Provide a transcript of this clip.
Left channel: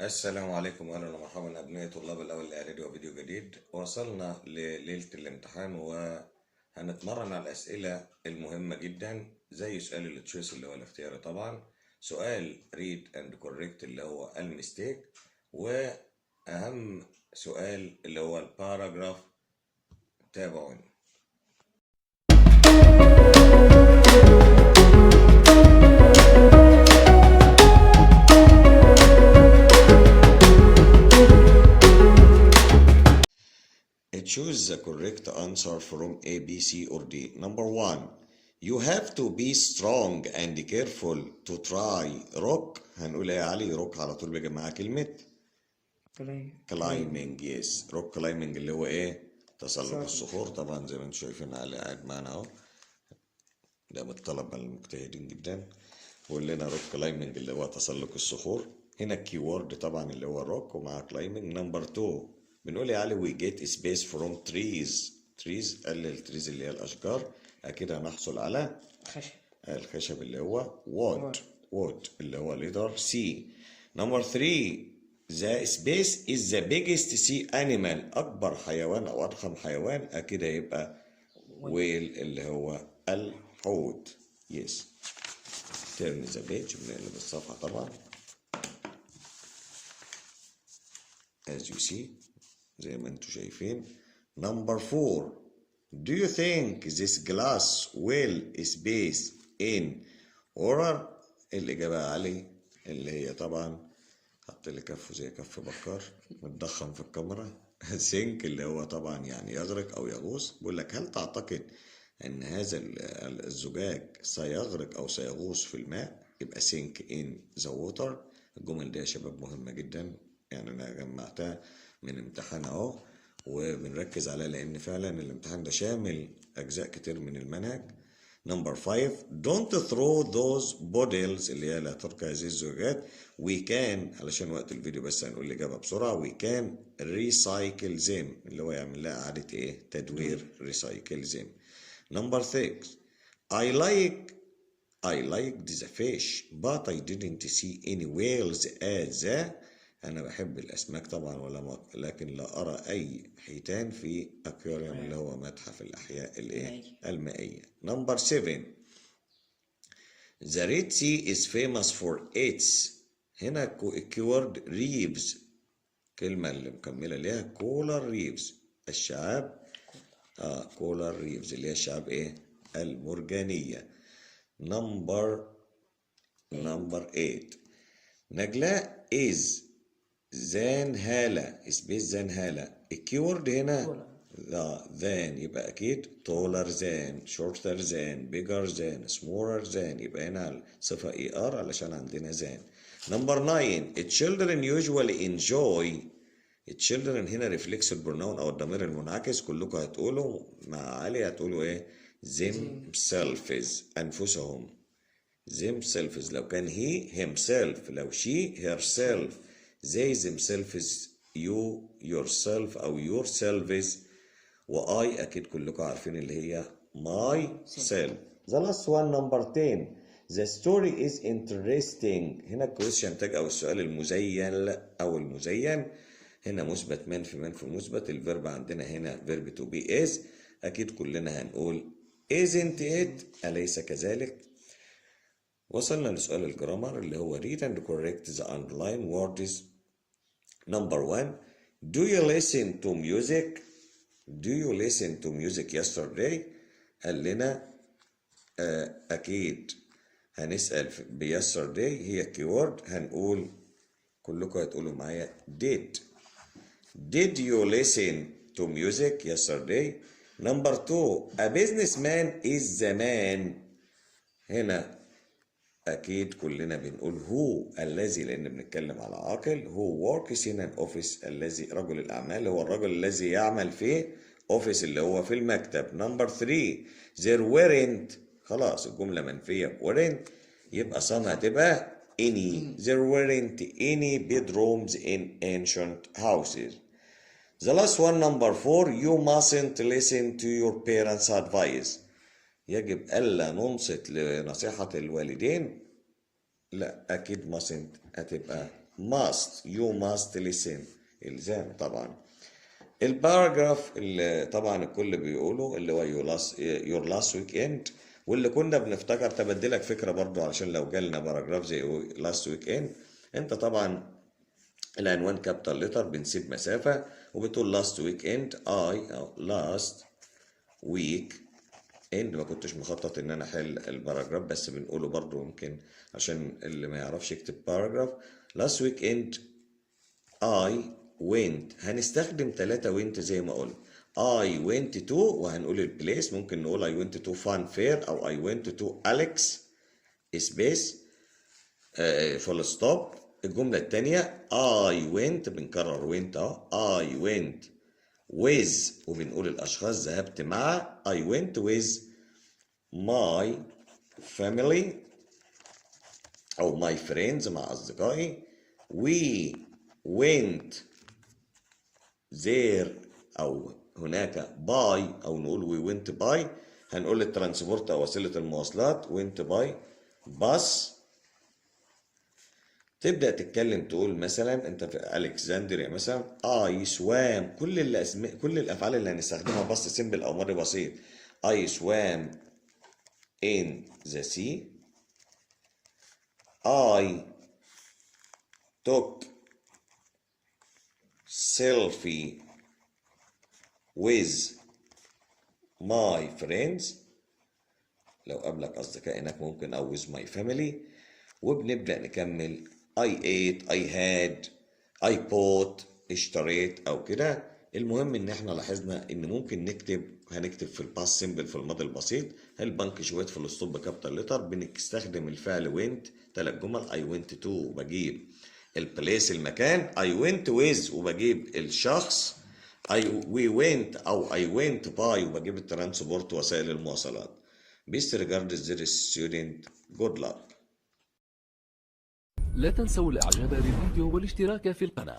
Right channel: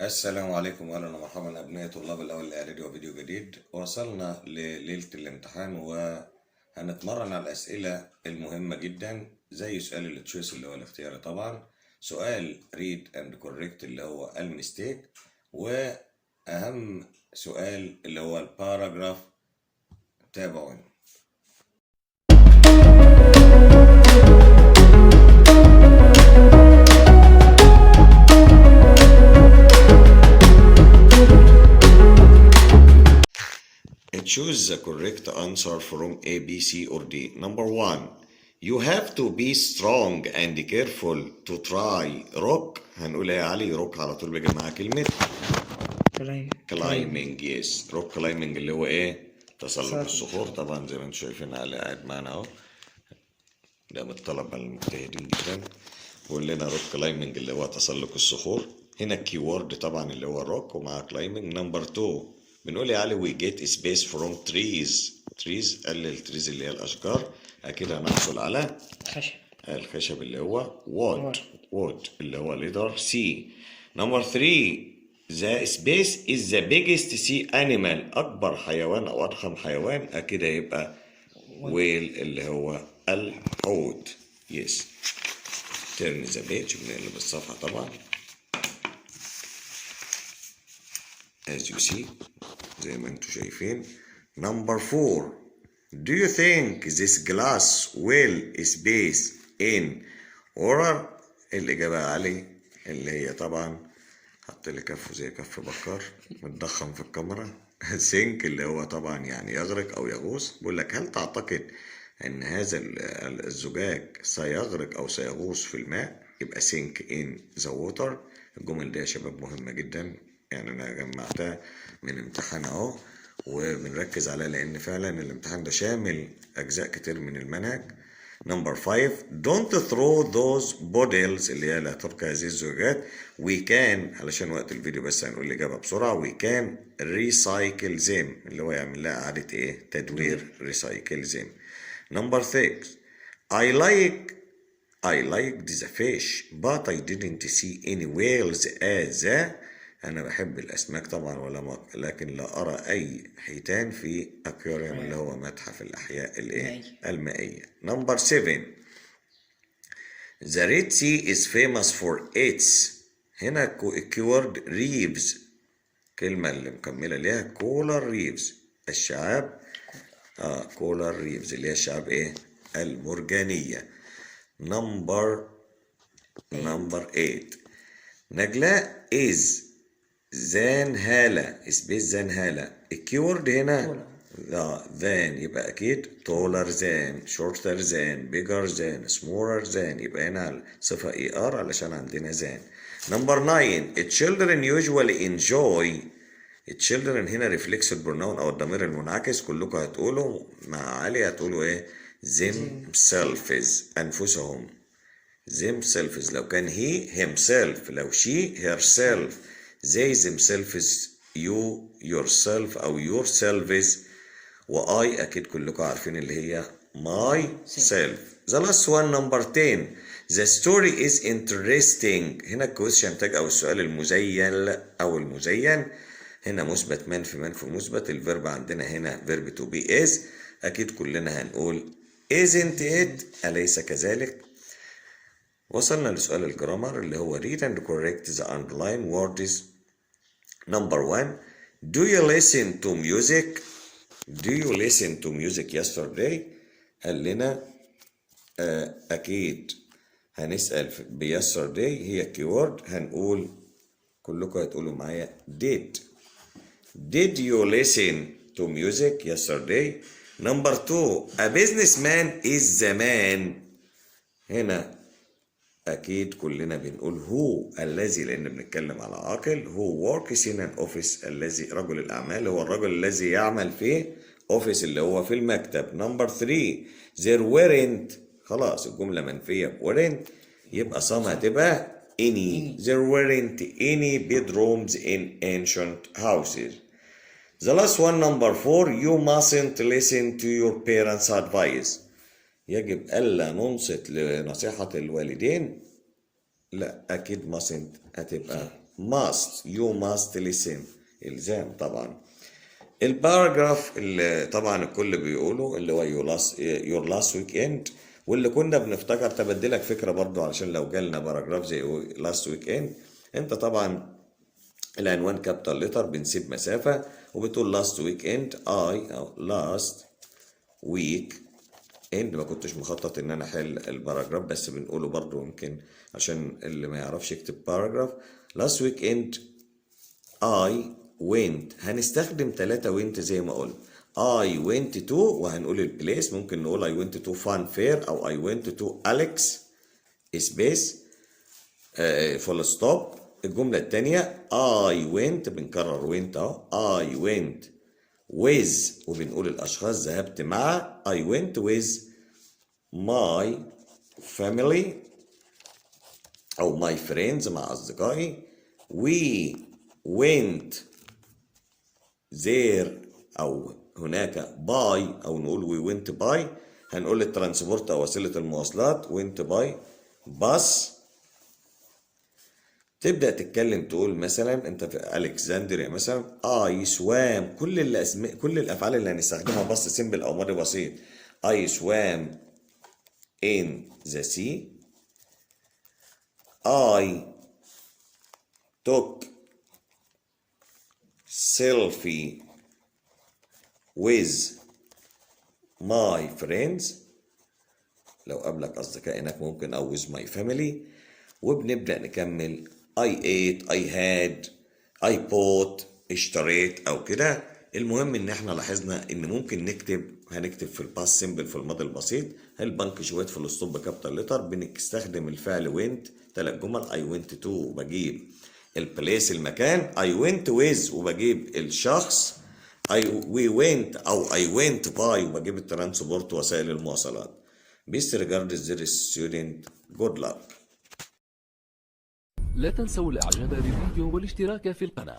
السلام عليكم واهلا ومرحبا ابناء طلاب الاول الاعدادي وفيديو جديد. وصلنا لليله الامتحان وهنتمرن على الاسئله المهمه جدا زي سؤال التشويس اللي هو الاختياري طبعا، سؤال ريد اند كوريكت اللي هو الميستيك، واهم سؤال اللي هو الباراجراف. تابعوني. Choose the correct answer from A, B, C, or D. Number one, you have to be strong and careful to try rock. هنقول ايه يا علي؟ روك على طول بيجي معاها كلمة climbing. yes, rock climbing اللي هو ايه؟ تسلق الصخور. طبعا زي ما انتم شايفين علي قاعد معانا اهو، ده من الطلبة المجتهدين جدا. بيقول لنا روك climbing اللي هو تسلق الصخور. هنا الكيورد طبعا اللي هو روك ومع climbing. نمبر 2 بنقول يا علي we get space from trees. trees قلل trees اللي هي الأشجار، أكيد هنحصل على الخشب اللي هو wood اللي هو letter C. نمبر 3 the space is the biggest sea animal. أكبر حيوان أو أضخم حيوان أكيد هيبقى whale اللي هو الحوت. yes. turn the page بنقلب الصفحة طبعا as you see زي ما انتم شايفين. Number 4 do you think this glass will space in order؟ الإجابة علي اللي هي طبعا حط لي كفه زي كف بكار متضخم في الكاميرا. think اللي هو طبعا يعني يغرق أو يغوص. بقول لك هل تعتقد أن هذا الزجاج سيغرق أو سيغوص في الماء؟ يبقى sink in the water. الجمل دي يا شباب مهمة جدا، يعني أنا جمعتها من امتحان اهو وبنركز عليها لان فعلا الامتحان ده شامل اجزاء كتير من المنهج. نمبر 5 don't throw those bottles اللي هي لا ترك هذه الزجاجات. we can علشان وقت الفيديو بس هنقول الاجابه بسرعه. we can recycle them اللي هو يعمل لها اعاده ايه؟ تدوير. recycle them. نمبر 6 I liked the fish but I didn't see any whales as أنا بحب الأسماك طبعا لكن لا أرى أي حيتان في أكواريوم اللي هو متحف الأحياء المائية. نمبر 7 The Red Sea is famous for its. هنا الكيورد reefs، كلمة اللي مكملة ليها كولر ريفز. الشعاب كولر ريفز اللي هي الشعاب إيه؟ المرجانية. نمبر 8 نجلاء is زنهالة. سبيس زنهالة. الكيورد هنا than يبقى أكيد taller than shorter than bigger than smaller than، يبقى هنا صفة ER علشان عندنا than. نمبر 9 children usually enjoy. children هنا reflexive pronoun أو الضمير المنعكس. كلكم هتقولوا مع علي هتقولوا إيه؟ themselves أنفسهم. themselves لو كان he himself، لو she herself. they themselves you yourself أو yourselves. وI أكيد كلكم عارفين اللي هي myself. the last one number 10 the story is interesting. هنا الكويشن تاج أو السؤال المزين أو المزين. هنا مثبت منفي مثبت. الفيرب عندنا هنا فيرب to be is. أكيد كلنا هنقول isn't it أليس كذلك. وصلنا لسؤال الجرامر اللي هو read and correct the underlined words. Number 1 do you listen to music؟ do you listen to music yesterday؟ قال لنا أكيد هنسأل ب yesterday هي كيورد، هنقول كلكم هتقولوا معايا did you listen to music yesterday؟ Number 2 a businessman is the man. هنا أكيد كلنا بنقول هو الذي لأن بنتكلم على عاقل. هو works in an office الذي رجل الأعمال هو الرجل الذي يعمل في office اللي هو في المكتب. نمبر 3 there weren't خلاص الجملة منفية weren't يبقى some هتبقى any. there weren't any bedrooms in ancient houses. The last one number 4 you mustn't listen to your parents' advice. يجب ألا ننصت لنصيحة الوالدين. لا أكيد mustn't هتبقى you must listen. إلزام طبعا. الباراجراف اللي طبعا الكل بيقوله اللي هو your last weekend، واللي كنا بنفتكر تبدلك فكرة برضو علشان لو جالنا باراجراف زي last weekend، انت طبعا العنوان كابيتال ليتر بنسيب مسافة وبتقول last weekend أو last week end. ما كنتش مخطط ان انا احل الباراجراف بس بنقوله برضو يمكن عشان اللي ما يعرفش يكتب باراجراف. last weekend I went، هنستخدم 3 went زي ما قلنا. I went to، وهنقول البليس، ممكن نقول I went to fun fair أو I went to Alex space full stop. الجملة التانية I went، بنكرر went أهو. I went with، وبنقول الأشخاص ذهبت مع. I went with my family أو my friends مع أصدقائي. We went there أو هناك by، أو نقول we went by. هنقول الترانسبورت أو وسيلة المواصلات went by bus. تبدأ تتكلم تقول مثلا أنت في ألكسندريا مثلا I swam، كل الأفعال اللي هنستخدمها بس سيمبل أو ماضي بسيط. I swam in the sea. I took selfie with my friends، لو قابلك أصدقائك ممكن أو with my family. وبنبدأ نكمل I ate، I had، I bought، اشتريت أو كده. المهم إن إحنا لاحظنا إن ممكن هنكتب في الباست سيمبل في الماضي البسيط البنك شويت في الاسطوب بكابيتال لتر. بنستخدم الفعل went 3 جمل. I went to، وبجيب البليس المكان. I went with، وبجيب الشخص. we went أو I went by، وبجيب الترانسبورت وسائل المواصلات. Best regards dear student، good luck. لا تنسوا الاعجاب بالفيديو والاشتراك في القناة.